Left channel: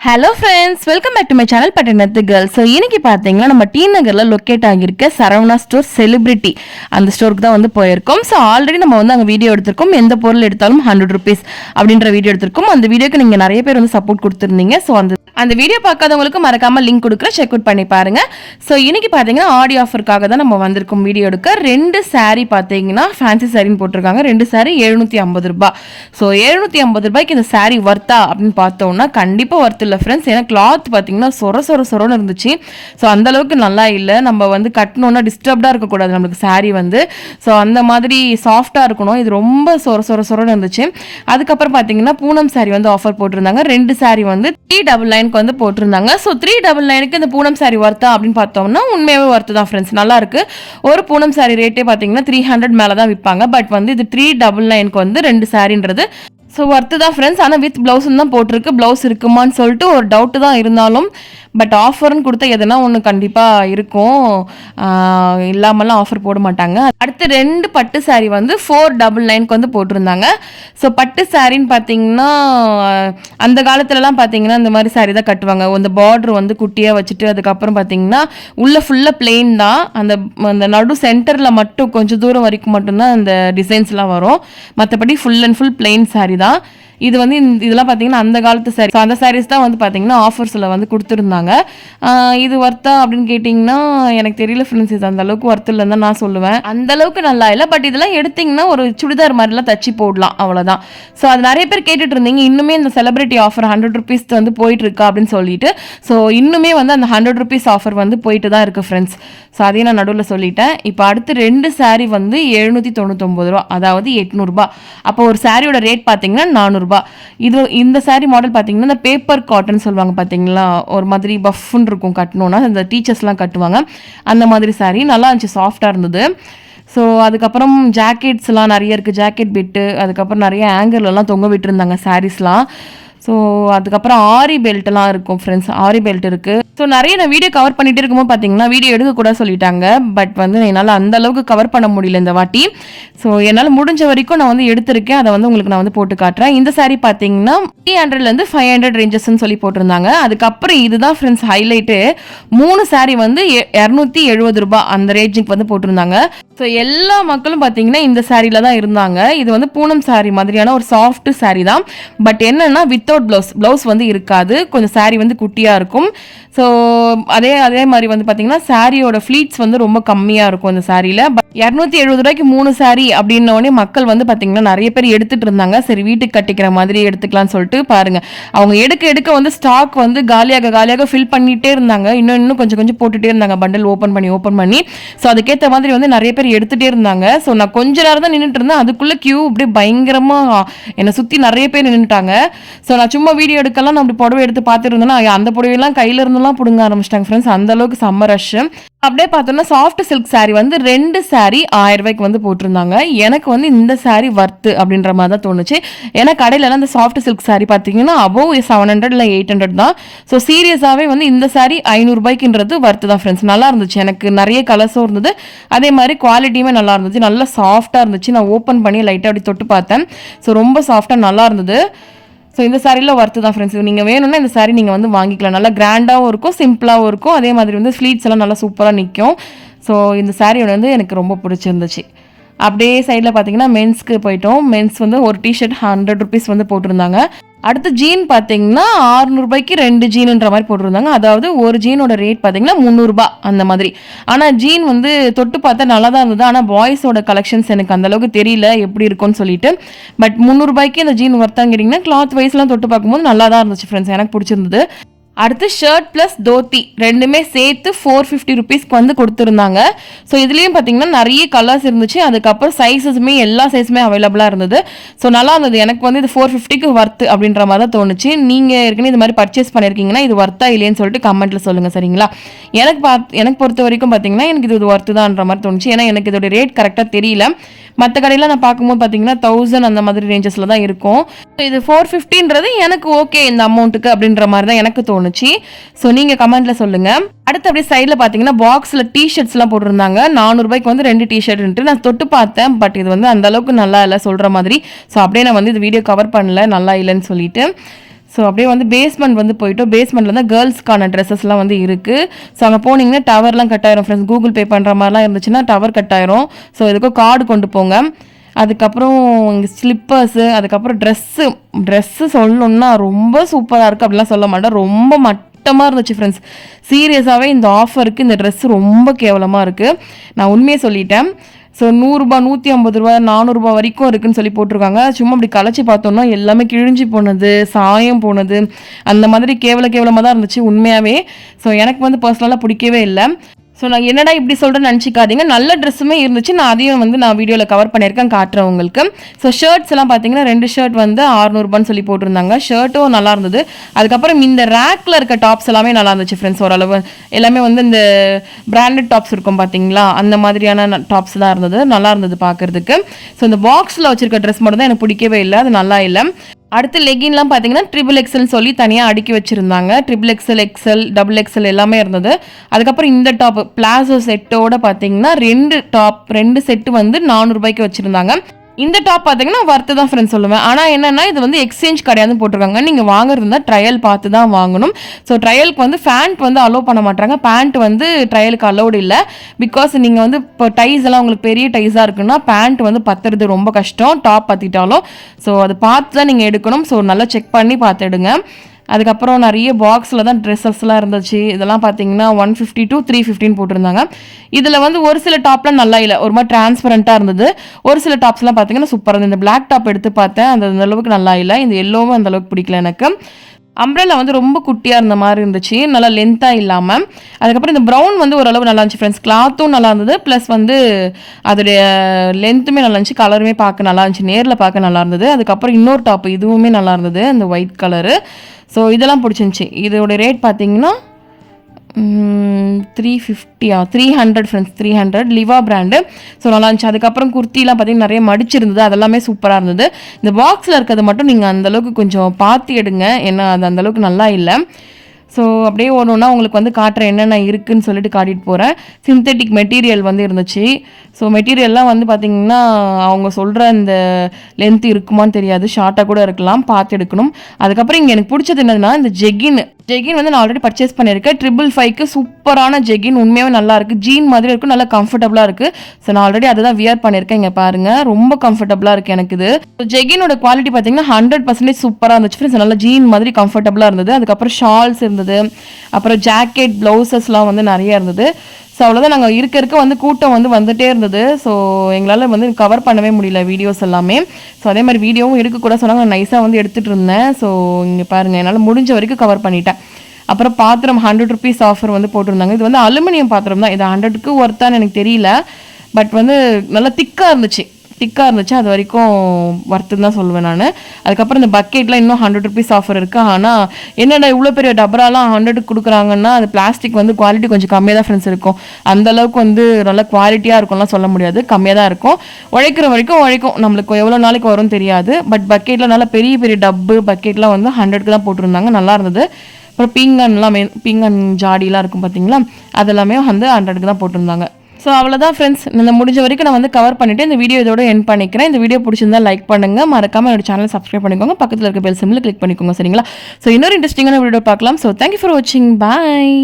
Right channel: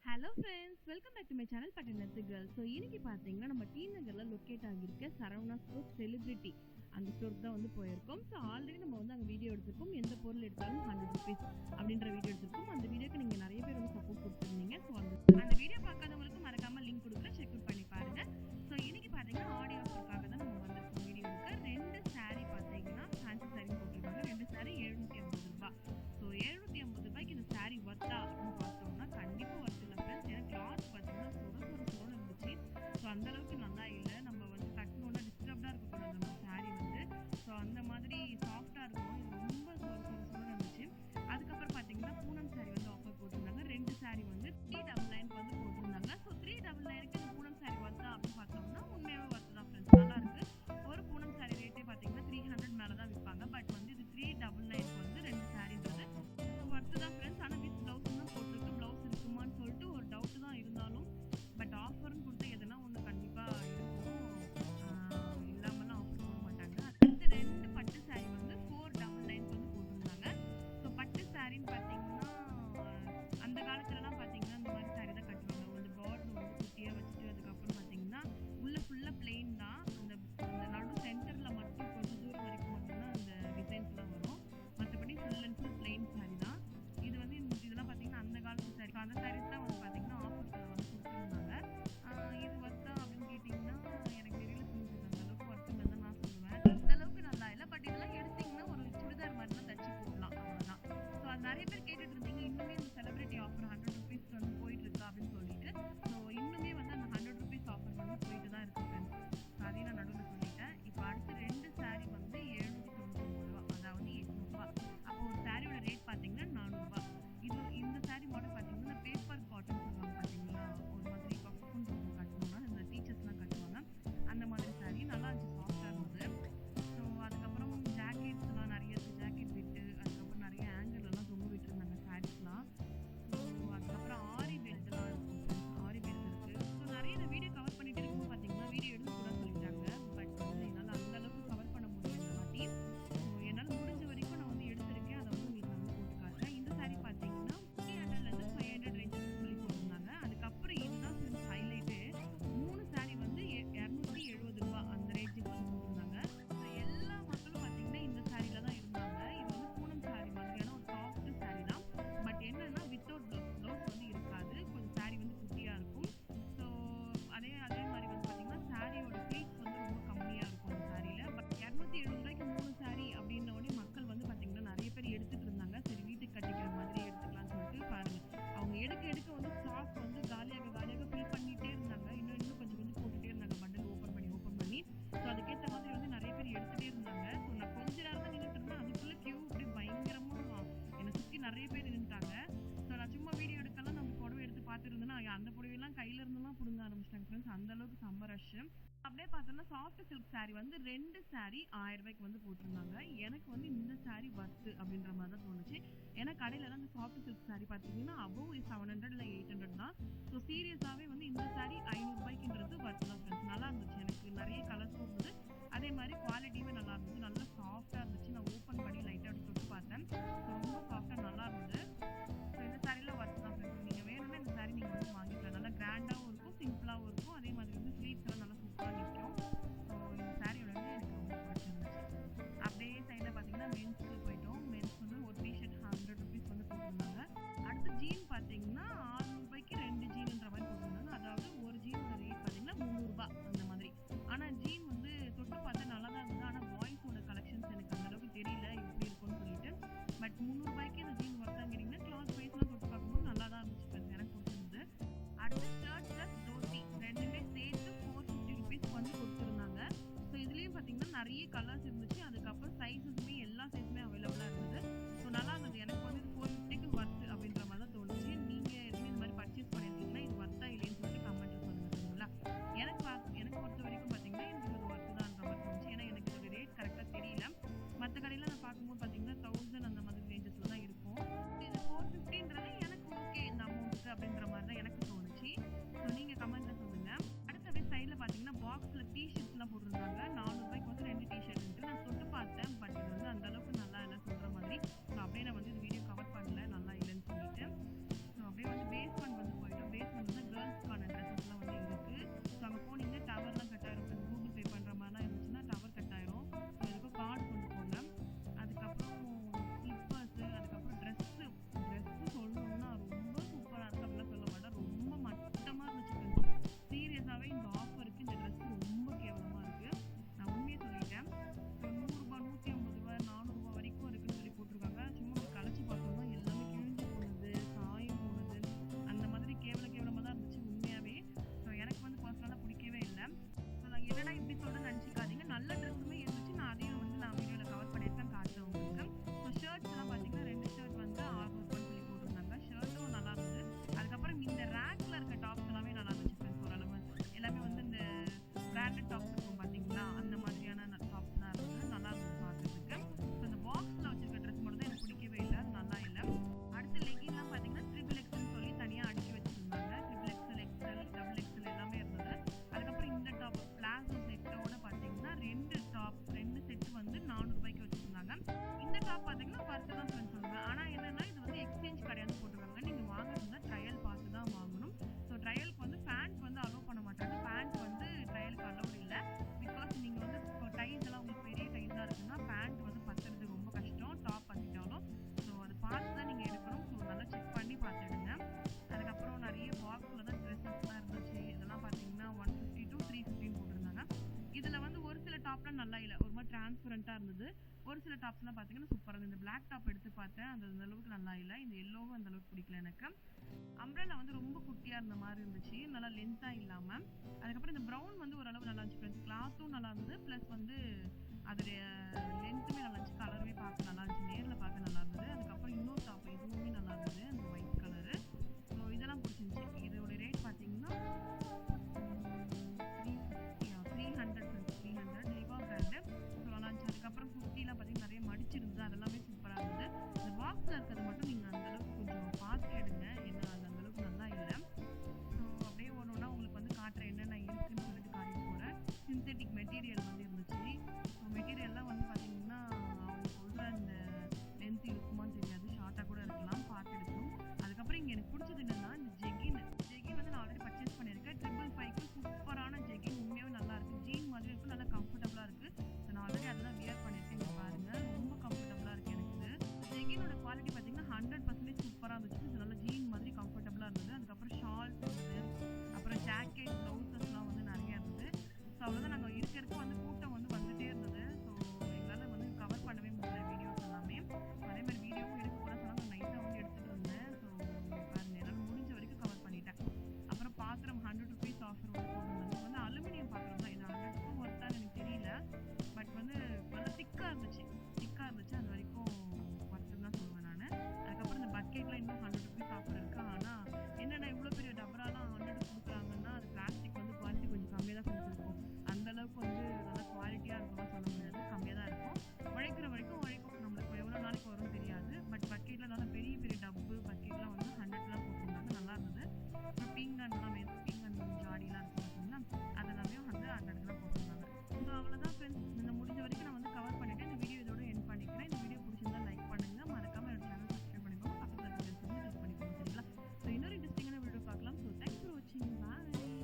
Hello friends welcome back to my channel பட்டினத்து girl so இன்னைக்கு பார்த்தீங்கன்னா நம்ம டி நகரில் லொக்கேட் ஆகியிருக்க சரவணா ஸ்டோர் செலிபிரிட்டி அந்த ஸ்டோருக்கு தான் வந்து போயிருக்கோம். ஸோ ஆல்ரெடி நம்ம வந்து அங்கே வீடியோ எடுத்திருக்கோம். எந்த பொருள் எடுத்தாலும் ஹண்ட்ரட் ருபீஸ் அப்படின்ற வீடியோ எடுத்திருக்கோம். அந்த வீடியோக்கு நீங்கள் நிறைய பேர் வந்து சப்போர்ட் கொடுத்துருந்தீங்க. ஸோ அந்த அந்த வீடியோ பார்க்காதவங்களுக்கு மறக்காமல் லிங்க் கொடுக்குற செக் அவுட் பண்ணி பாருங்கள் ஸோ இன்னைக்கு பார்த்தீங்கன்னா ஆடியோ ஆஃபருக்காக தான் நம்ம வந்திருக்கோம் வீடியோ எடுக்க. ரெண்டு சாரீ பார்த்தீங்கன்னா ஃபேன்சி சாரின்னு போட்டிருக்காங்க. ரெண்டு சாரீ எழுநூற்றி ஐம்பது ரூபாய். ஸோ எழுநூற்றி ஐம்பது ரூபாய்க்கு இந்த சாரீ வர்த்தா அப்படின்னு பார்த்தோம்னா கண்டிப்பாக ஒர்த்து இல்லை ஃப்ரெண்ட்ஸ் ஏன்னா கிளாத் பார்த்தீங்கன்னா சொர சொர சொரன்னு இருந்துச்சு. ஸோ அந்த அளவுக்கு நல்லா இல்லை. நம்ம வந்து கட்டணுன்னா டிஸ்டர்ப்டாக இருக்கக்கூடாது நம்மளுக்கு சாரீ வந்து. ஸோ அந்த மாதிரி சாஃப்டாக இருக்கணும். இது ரொம்ப சொர சொர சொரன்னு இருந்துச்சு. அதுக்கப்புறம் பார்த்தீங்கன்னா பூனம் சாரீ வந்து ஆஃபர் போட்டிருந்தாங்க. ரெண்டு சாரீ வந்து த்ரீ டபுள் நைனுக்கு வந்து போட்டிருந்தாங்க. ஸோ த்ரீ டபுள் நைனுக்கு இந்த பூனம் saree ஒர்த்தா அப்படின்னு பார்த்தோம்னா உண்மையாகவே ஒர்த்து தான் ஃப்ரெண்ட்ஸ் நல்லா இருக்கு. ஒரு பூனம் சாரீ ரேட்டே பார்த்தீங்கன்னா த்ரீ ஹண்ட்ரட் மேலே தான் விற்பாங்க பட் வந்து இது த்ரீ டபுள் நைனுக்கு வந்து ரெண்டு சாரின்றது ஸோ ஒர்த்து தான் ஃப்ரெண்ட்ஸ் ஆனால் வித் ப்ளவுஸ்னு தான் போட்டிருக்கு. ப்ளவுஸ் இருக்குமான்னு சொல்லிட்டு ஒரு டவுட்டு தான் இருந்தாலும் பட் ஆஃபர்னு கொடுத்தா எதுனா ஒன்று கண்டிப்பாக இருக்கும். இல்லாமலாம் ஆஃபர் போட மாட்டாங்க. அடுத்து ரெண்டு பட்டு சாரீ வந்து ஃபோர் டபுள் நைனுக்கு வந்து போட்டிருந்தாங்க. ஸோ பட்டு சாரின்னு பார்த்தீங்கன்னா அந்த காலத்துலலாம் பார்த்தீங்கன்னா இந்த மாதிரி சாரீ தான் கட்டுவாங்க. அந்த பார்டர் வந்து குட்டியாக வச்சுட்டு அதுக்கப்புறம் பார்த்தீங்கன்னா உள்ளே ஃபுல்லாக பிளெயின் தான். அந்த அந்த நடு சென்டரில் மட்டும் கொஞ்சம் தூரம் வரைக்கும் மட்டும்தான் அந்த டிசைன்ஸ்லாம் வரும். மற்றபடி full and full plain sari သာ இது வந்து இந்த- இதெல்லாம் பார்த்தீங்கன்னா அந்த காலத்து சாரி அந்த சாரீஸ் தான் வந்து பார்த்தீங்கன்னா ஆஃபர்ஸில் வந்து கொடுத்துருந்தாங்க. இது ஒர்த்தா அப்படின்னு கேட்டிங்கன்னா எனக்கு தெரியல ஃப்ரெண்ட்ஸ் இது அந்த அளவுக்கு ஒர்த் இல்லைன்னு தான் நான் சொல்லுவேன். அந்த அளவுக்கு நல்லா இல்லை பட் இதெல்லாம் எடுத்தீங்கன்னா ஒரு சுடிதார் மாதிரிலாம் தச்சு போடலாம் அவ்வளோதான் ஸோ அது நிறைய பேர் கேட்டுட்டு இருந்தீங்க இன்னுமே இந்த செலிபிரிட்டி ஆஃபர் ஹண்ட்ரட் ருபீஸ் வந்து போயிட்டு இருக்கா அப்படின்னு சொல்லிட்டு. ஸோ இன்னுமே வந்து அந்த ஹண்ட்ரட் ருபீஸ் ஆஃபர் வந்து போயிட்டு தான் இருக்குது ஃப்ரெண்ட்ஸ் ஸோ அதையும் நான் நடுவில் சொல்லிட்டேன். இப்போ அடுத்து ரெண்டு சாரீ வந்து எழுநூற்றி தொண்ணூத்தொம்பது ரூபா அதாவது எட்நூறுபா அப்போ ஒரு சாரியோட ரேட் பார்த்தீங்கன்னா நானூறுபா இது இந்த சாரீ மாடல் பார்த்தீங்கன்னா இந்த பேப்பர் காட்டன் சொல்லுவாங்க பார்த்தீங்களா ஒரு மாதிரி பஃப்னு இருக்கும் கட்டணும்னா இந்த டீச்சர்ஸ்லாம் கட்டுவாங்க. அந்த மாதிரி சாரீ நல்லா இருந்துச்சு சாஃப்டாக இருந்தது. ஸோ அதுக்கப்புறம் ஜாக்கெட்ஸ்லாம் நிறைய இருக்குது ஜாக்கெட் பிட்டு அதுக்கப்புறம் நிறைய ஆங்கர்லலாம் தொங்க விட்டுருந்தாங்க சாரீஸ்லாம் ஸோ அதுக்கப்புறம் ஆரி பெல்ட்லாம் இருக்கும் ஃப்ரெண்ட்ஸ் ஆரி பெல்ட் இருக்குது ஸோ நிறைய நான் வீடியோ கவர் பண்ணிகிட்டு இருக்கும்போது பார்த்தீங்கன்னா வீடியோ எடுக்கக்கூட சொல்லிட்டாங்க. பட் வந்து என்னால் அந்த அளவுக்கு கவர் பண்ண முடியல இந்த வாட்டி. ஸோ என்னால் முடிஞ்ச வரைக்கும் நான் வந்து எடுத்திருக்கேன். அதை வந்து உங்களுக்கு நான் வந்து போட்டு காட்டுறேன். இந்த சாரீ பார்த்தீங்கன்னா த்ரீ ஹண்ட்ரட்லேருந்து ஃபைவ் ஹண்ட்ரட் ரேஞ்சஸ்ன்னு சொல்லி போட்டிருந்தாங்க. அதுக்கப்புறம் இதுதான் ஃப்ரெண்ட்ஸ் ஹைலைட்டு மூணு சாரீ வந்து இரநூத்தி எழுபது ரூபாய் அந்த ரேஞ்சுக்கு வந்து போட்டிருந்தாங்க. ஸோ எல்லா மக்களும் பார்த்தீங்கன்னா இந்த சாரியில் தான் இருந்தாங்க. இது வந்து பூனம் saree மாதிரியான ஒரு சாஃப்ட் saree தான். பட் என்னன்னா வித்தவுட் ப்ளவுஸ் ப்ளவுஸ் வந்து இருக்காது. கொஞ்சம் சாரீ வந்து குட்டியாக இருக்கும். ஸோ அதே அதே மாதிரி வந்து பார்த்தீங்கன்னா சாரியோட ஃப்ளீட்ஸ் வந்து ரொம்ப கம்மியாக இருக்கும் அந்த சாரியில் இரநூத்தி எழுபது ரூபாய்க்கு மூணு சாரி அப்படின்ன உடனே மக்கள் வந்து பார்த்தீங்கன்னா நிறைய பேர் எடுத்துட்டு இருந்தாங்க. சரி வீட்டுக்கு கட்டிக்கிற மாதிரி எடுத்துக்கலாம்னு சொல்லிட்டு பாருங்க. அவங்க எடுக்க எடுக்க வந்து ஸ்டாக் வந்து காலியாக காலியாக ஃபில் பண்ணிட்டே இருந்தாங்க. இன்னும் இன்னும் கொஞ்சம் கொஞ்சம் போட்டுகிட்டே இருந்தாங்க. பண்டல் ஓப்பன் பண்ணி ஓப்பன் பண்ணி. ஸோ அதுக்கேற்ற மாதிரி வந்து நிறைய பேர் எடுத்துகிட்டே இருந்தாங்க. ஸோ நான் கொஞ்ச நேரம் தான் நின்றுட்டு இருந்தேன். அதுக்குள்ளே க்யூ அப்படியே பயங்கரமாக என்னை சுற்றி நிறைய பேர் நின்றுட்டாங்க ஸோ நான் சும்மா வீடியோ எடுக்கலாம். நான் அப்படி புடவை எடுத்து பார்த்துட்டு இருந்தேன்னா அந்த புடவையெல்லாம் கையில இருந்தெல்லாம் பிடுங்க ஆரம்பிச்சிட்டாங்க ஃப்ரெண்ட்ஸ் அந்த அளவுக்கு செம்ம ரஷ் அப்படியே பார்த்தோன்னா சாஃப்ட் சில்க் சாரி வந்து ரெண்டு சாரீ ஆயிரம் ரூபாய்க்கு வந்து போட்டிருந்தாங்க. எனக்கு வந்து இந்த சாரீ வர்த்து அப்படின்ற மாதிரி தான் தோணுச்சு. ஏன்னா கடையிலலாம் இந்த சாஃப்ட் சில்க் சாரீ பார்த்தீங்கன்னா அபோவ் செவன் ஹண்ட்ரட் இல்லை எயிட் ஹண்ட்ரட் தான். ஸோ சீரியஸாகவே வந்து இந்த சாரீ ஐநூறுபாய்க்குன்றது வர்த்து தான் ஃப்ரெண்ட்ஸ் நல்லா இருந்துச்சு. எனக்கு நிறைய கலர்ஸும் இருந்தது. அதே மாதிரி குவாலிட்டியுமே நல்லா இருந்துச்சு. நல்லா சாஃப்டாக இருந்துச்சு. நான் ஓப்பன் பண்ணி லைட்டாக அப்படி தொட்டு பார்த்தேன். ஸோ ரொம்ப சாஃப்டாக நல்லா இருந்தது. ஸோ இந்த சாரியில் ஒர்த்து தான் ஃப்ரெண்ட்ஸ் நீங்கள் வேணும்னா இந்த சாரீ நீங்கள் வந்து வாங்கிக்கலாம். நல்லா கிராண்டாகவும் இருக்கும் சிம்பிளாகவும் இருக்கும். அதே மாதிரி வந்து ஸ்லீட்ஸ் எல்லாம் நல்லா சூப்பராக நிற்கும் ஸோ இந்த saree வந்து எனக்கு ரொம்ப பிடிச்சிருந்துச்சு. அப்படியே சைடில் பார்த்தீங்கன்னா மென்ஸ்க்கு போயிட்டோம். மென்ஸ் வந்து ஒரு டிஷர்ட் ஹண்ட்ரட் ருபீஸ் வந்து போட்டிருந்தாங்க. அடுத்து ஜீன் பார்த்தீங்கன்னா ஆறுநூறுபாய்க்கு ரெண்டு ஜீனுன்ற மாதிரி போட்டிருந்தாங்க. அதாவது ஒரு ஜீனோட ரேட் பார்த்தீங்கன்னா முந்நூறுபா அந்த மாதிரி. ஆனால் ஜீன் வந்து தொட்டு பார்த்தா நல்லா தான் இருந்தது. ஆனால் பாய்ஸோட கலெக்ஷன்ஸ் எனக்கு அந்தளவுக்கு தெரியல எப்படி இருக்கும்னு சொல்லிட்டு. பட் முந்நூறுபாய்க்கு இந்த ஜீன் ஒர்த்தாங்க கேட்டிங்கன்னா கிளாத் வைஸ்லாம் தொட்டு பார்க்கும்போது நல்லா தான் இருந்துச்சு ஃப்ரெண்ட்ஸ் எனக்கு பிடிச்சிருந்தது. அடுத்து ஷர்ட் ப்ளஸ் தோத்தி ரெண்டுமே சேர்த்து ஃபோர் ஃபிஃப்டி ருபீஸ்க்கு வந்து கொடுத்துருந்தாங்க. ஸோ இதுலேயும் பார்த்தீங்கன்னா நிறைய கலர்ஸ் இருந்துச்சு. அதுக்கப்புறம் சைஸஸுமே எல்லா சைஸுமே அவைலபிளாக இருந்தது. ஸோ நல்லா இருந்தது. எனக்கு வந்து இது ஃபோர் ஃபிஃப்டிக்கு ஒர்த்து அப்படின்ற மாதிரி தான் தோணுச்சு. நீங்கள் ஏற்கனவே இது மாதிரி பர்ச்சேஸ் பண்ணியிருக்கீங்கன்னா இது ஒர்த்தா இல்லையேன்னு சொல்லிட்டு கமெண்ட்டில் சொல்லுங்கள் சரிங்களா? எனக்கு பார்த்து எனக்கு பொறுத்த வரைக்கும் பார்த்தீங்கன்னா எனக்கு இது ஒர்த்து தான்ன்ற மாதிரி தோணுச்சு. ஏன்னா எனக்கு இதோட ரேட் கரெக்டாக தெரியல. மற்ற கடையில் நான் பார்க்கும்போது பார்த்தீங்கன்னா தௌசண்ட் அந்த மாதிரி ரேஞ்சஸில் தான் இருக்கும். ஸோ இது ஃபோர் ஃபிஃப்டின்றது எனக்கு ஓகே இந்த அமௌண்ட்டுக்கு அப்படின்ற மாதிரி தான் எனக்கு தோணுது தோணுச்சு ஸோ நீங்கள் கமெண்ட்டில் சொல்லுங்கள் அடுத்து அப்படியே சைடில் பார்த்தீங்கன்னா பாக்ஸில் டிஷர்ட்ஸ்லாம் போட்டிருந்தாங்க. நானூறுபாய்க்கு வந்து ரெண்டு டிஷர்ட்ன்ட்டு நான் தொட்டு பார்த்தேன். பட் இது வந்து அந்த அளவுக்கு நல்லா இல்லை சொல்கிற மாதிரி. ஸோ அப்படியே நான் வந்து இது வீடியோ கவர் பண்ணல. நல்லா இல்லைன்னு சொல்லிட்டு. ஸோ அப்படியே வந்து பேஸ்மெண்ட் வந்து போயிட்டோம். பேஸ்மெண்ட்டில் தான் கேர்ள்ஸ்க்கான ட்ரெஸ்ஸஸ்லாம் வந்து இருக்குது ஸோ அங்கே போனீங்கன்னா டவர்லாம் கட் ஆயிரும். ஃப்ரெண்ட்ஸ் கூகுள் பே பண்ணுற மாதிரிலாம் இருந்துச்சுன்னா டவர் கட் ஆயிரும். ஸோ இதுக்கும் கார்டு கொண்டு போங்க. அதுக்கப்புறம் இங்கே ஸ்லிப்பர்ஸு அதுக்கப்புறம் ட்ரெஸ்ஸு ட்ரெஸ்ஸு சொல்லணுன்னா ரொம்ப சூப்பராக இருக்குது அப்படிலாம் சொல்ல மாட்டேன். ரொம்ப மட்டமாக இருந்துச்சு ஃப்ரெண்ட்ஸ் சீரியஸாகவே இந்த ஆஃபருக்கு இந்த ட்ரெஸ் ரொம்ப கேவலமாக இருக்குது நான் உண்மையை சொல்லிட்டேன். ஸோ நூறுரூபா நூற்றி ஐம்பது ரூபா நானூறுரூபா வரைக்கும் இருக்குன்னு சொல்லி போட்டிருக்காங்க. சும்மா அப்படி கலைச்சி பார்த்தோன்னா எல்லாமே கிழிஞ்சி போனது சாயம் போனது. அந்த மாதிரி கேவல கேவலமாக தான் இருந்துச்சு உண்மையாகவே ஸோ எனக்கு வந்து பர்சனலாக பிடிக்கவே இல்லை. ஸோ நான் என்னடா இப்படி சொல்கிறேன்னு நினச்சிக்காதீங்க. நல்ல ட்ரெஸ்ஸுமே இருந்துச்சு. நான் அதையும் வந்து நான் வீடியோவில் கவர் பண்ணியிருக்கேன். காட்டுறேன் உங்களுக்கு. ஸோ ஷர்ட்ஸ் எல்லாம் பார்த்தீங்கன்னா ரெண்டு ஷர்ட் வந்து ஆறுநூறுபான்னு சொல்லி போட்டிருந்தாங்க. ஷர்ட்டும் நல்லா இருந்தது. அதுக்கப்புறம் இந்த ரேக்கில் இருக்க டாப்ஸ் எல்லாமே நல்லா இருந்துச்சு ஃப்ரெண்ட்ஸ் ஓரளவு எல்லாமே வந்து இந்த பிராண்டட் டாப்ஸ் இருக்கும் பார்த்தீங்களா அந்த மாதிரியான டாப்ஸ் தான் இருந்தது. நல்லா இருந்தது பார்க்குறதுக்கு ஸோ இந்த பாக்ஸில் வச்சிருக்க ட்ரெஸ் மட்டும் தான் எனக்கு பிடிக்கவே இல்லை. அது நல்லா இல்லை. அடுத்து லெகின்லாம் பார்த்தீங்கன்னா ட்ரிபிள் எக்ஸல்னு சொல்லி தனியாக அடுக்கி வச்சுருந்தாங்க. Triple XL XL double XL எல்லாமே இருந்தது. அதுக்கப்புறம் இந்த டாப் பிளாசோ செட்டோட பார்த்தீங்கன்னா ரெண்டு டாப் ரெண்டு செட்டு வந்து நானூறுபாய்க்கு வச்சுருந்தாங்க. இந்த டாப் பார்த்தீங்கன்னா வர்த்து தான் ஃப்ரெண்ட்ஸ் சொல்லுவேன். ஆனால் என்னென்னா இது வந்து எக்ஸ்சேஞ்ச் கிடையாது போட்டிருக்காங்க. நீங்கள் வாங்குறது இருந்தால் ட்ரையல் பார்த்து தான் வாங்கணும். ஸோ ட்ரையலுக்கு வந்து ஃபேண்ட் வந்து அலோவ் பண்ண மாட்டாங்க. பேண்ட் வந்து ட்ரையலுக்கு அலோடு இல்லை. பிகாஸ் நீங்கள் வந்து இப்போ டைஸ் எல்லாம் உங்களுக்கு பெரிய டைஸாக இருக்குன்னா பேண்ட் வந்து பத்துறது ரொம்ப கஷ்டம். டாப் பற்றிட்டாலும் ஸோ அது பார்த்து தான் நீங்கள் எடுக்கணும். ஸோ நல்லா செக் பண்ணி பார்த்து எடுங்க. அதுக்கப்புறம் நிறைய பாக்ஸில் தான் ட்ரெஸ்ஸஸ்லாம் இருந்துச்சு. இதெல்லாம் பார்த்தீங்கன்னா ஒன் ஃபிஃப்டி டூ த்ரீ ஃபிஃப்டின் போட்டிருந்தாங்க. இதில் வந்து ஒரு சில டாப்லாம் நல்லா இல்லை. ஒரு மாதிரி டிரான்ஸ்பரண்ட்டாக இருந்தது. ஒரு சில டாப்ஸ்லாம் பார்த்தீங்கன்னா சூப்பராக இருந்தது. இந்த பிளாக் டாப் எடுத்து பார்த்தேன். அந்த அந்த அளவுக்கு நல்லா இல்லை. இந்த எல்லோவும் அந்த அளவுக்கு பிடிக்கல எனக்கு. அம்ப்ரெல்லா வந்து ரொம்ப குட்டியாக இருந்த மாதிரி இருந்துச்சு. நல்லா லென்த்தாக இல்லாமல் அதுக்கப்புறம் இந்த ப்ரௌன் வந்து ஓரளவு நல்லா இருந்துச்சு ஃப்ரெண்ட்ஸ் கிளாத்தும் நல்லா இருந்தது. ப்ளஸ் வந்து அதோடைய லென்த்துமே நல்லா இருந்துச்சு. கலருமே பார்க்க நல்லா இருந்துச்சு. நேரில் பார்க்க நல்லா இருந்தது. அதுக்கப்புறம் இன்னொரு டாப் இதுவுமே நல்லா இருந்தது. அந்த ஒயிட் கலரு ஸோ இதெல்லாம் பிடிச்சிருந்துச்சி. இதோட ரேட் பார்த்தீங்கன்னா three ஃபிஃப்டியா three hundred friends three hundred Liva brand so நல்லா இருந்துச்சு. அதுக்கப்புறம் குர்த்திலாம் பார்த்தீங்கன்னா நிறைய மடிச்சிருந்தது. அதெல்லாமே சூப்பராக இருந்தது. இந்த பாக்ஸில் இருக்கிறது மட்டும் நீங்கள் அந்தளவுக்கு கொஞ்சம் பார்த்து எடுங்க. ஏன்னா அது அந்தளவுக்கு நல்லா இல்லை. ஸோ அப்படியே ஒன்று ஒன்றா உங்களுக்கு வந்து காட்டுறேன் என்னென்ன இருக்குதுன்னு சொல்லிட்டு காட்டிட்டு போகிறேன் சிந்தட்டிக் மெட்டீரியல் வந்து இருந்துச்சு. ஸோ மெட்டீரியல்லாம் வந்து பார்த்திங்கன்னா அவங்க சொல்கிற அந்த லென்த் இருக்குமான்னு தெரியாது. ஷார்ட்டாக கூட இருக்கலாம். பார்த்து எடுக்கணும் அதுக்கப்புறம் இங்கே எனக்கு பிடிச்சது என்னதுன்னா இந்த ஜெகின் ஜெகின் வந்து நான் ஆல்ரெடி பர்ச்சேஸ் பண்ணியிருக்கேன். ட்ரிபிள் ஃபைவ்க்கு சூப்பரான ஜெகின் உண்மையாகவே நல்லா இருக்குது ஜீன் மாதிரி இருக்கும். நல்லா கம்ஃபர்டபுளாக இருக்குது ஸோ நான் ஆல்ரெடி அதை தான் வியர் பண்ணியிருக்கேன். இங்கே பாருங்கள் ரொம்ப கம்ஃபர்டபுளாக இருக்குது எனக்கு இது. ஜெகினோட குவாலிட்டி பார்த்தீங்கன்னா ஹண்ட்ரட் பர்சன்டேஜ் சூப்பராக இருந்துச்சு ஃப்ரெண்ட்ஸ் நல்லா ஜீன் மாதிரி கம்ஃபர்டபுளாக இருந்தது. அதுக்கப்புறம் ஷால்ஸ் இருந்தது அப்புறம் ஜாக்கெட் ப்ளவுசஸ்லாம் வந்து நிறைய இருந்தது. ஸோ அவ்வளோதான் நாங்கள் இருக்க இருக்க வந்து கூட்டம் வந்து வந்துகிட்டே இருந்தது. ஸோ எங்களால் வந்து கவர் பண்ணவே முடியல வீடியோஸ் எல்லாமே. ஸோ அதே மாதிரி வீடியோவும் எடுக்கக்கூட சொன்னாங்க. நான் நைஸாக வந்து எடுத்துகிட்டு இருந்தேன். ஸோ இங்கே பாருங்கள் என்னால் முடிஞ்ச வரைக்கும் கவர் பண்ணிட்டேன். அப்புறம் பாத்திரம் ஹண்ட்ரட் ருபீஸ் ஆஃபர் வந்து போட்டிருந்தாங்க. இது வந்து அலுமினியம் பாத்திரம் தான். இது ஹண்ட்ரடுக்கு ஒர்த்தான்னு எனக்கு தெரியல. பட் வந்து நல்லா திக்காக இருந்துச்சு. திக்காக இருந்துச்சு அது வரைக்கும் ஒர்த்துன்னு தான் சொல்லுவேன் நான். அதுக்கப்புறம் இந்த பக்கெட்லாம் இன்னும் ஹண்ட்ரட் ருபீஸ் ஆஃபர் இருக்குது ஆனால் என்னடா இவ்வளோ பெரிய டபராலாம் ஹண்ட்ரடுக்கு கொடுக்குறாங்கன்னா அது பிளாஸ்டிக் வந்து குவாலிட்டி கொஞ்சம் கம்மியாக தான் ஃப்ரெண்ட்ஸ் இருக்கும். அந்தளவுக்கு வந்து நல்ல குவாலிட்டியாக இருக்கும்லாம் சொல்ல முடியாது. கம்மியாக தான் இருக்கும். உழைக்கிற வரைக்கும் உழைக்கும். நம்மளுக்கு எவ்வளோ நாளைக்கு வரும்னு தெரியாது. பட் பக்கெட்டில் நல்லா பெரிய பெரிய டப்பு பக்கெட்லாம் வந்து ஹண்ட்ரட்க்கு தான் போட்டிருந்தாங்க. நல்லா இருந்தது. அப்புறம் பீங்கன்லாம் மெயின் பீங்கன் ஜாடிலாம் இருக்கும் பார்த்தீங்களா அதெல்லாமே வந்து ஹண்ட்ரடுக்கு தான் போட்டிருந்தாங்க. ஸோ அவ்வளோதான் ஃப்ரெண்ட்ஸ் இந்த முடிஞ்ச வரைக்கும் நான் வந்து கவர் பண்ணிவிட்டு இந்த வீடியோ இதோட என் பண்ணிக்கிறேன். இந்த வீடியோ பிடிச்சிருந்தா லைக் பண்ணுங்கள் மறக்காமல் என்னோட சேனல் சப்ஸ்கிரைப் பண்ணிக்கோங்க. பக்கத்தில் இருக்க பெல் சிம்மில் கிளிக் பண்ணிக்கோங்க சரிங்களா? ஸோ இன்னொரு இன்ட்ரெஸ்டிங்கான வீடியோ பார்க்கலாம். ஸோ தேங்க்யூ ஃபார் வாட்சிங் பாய்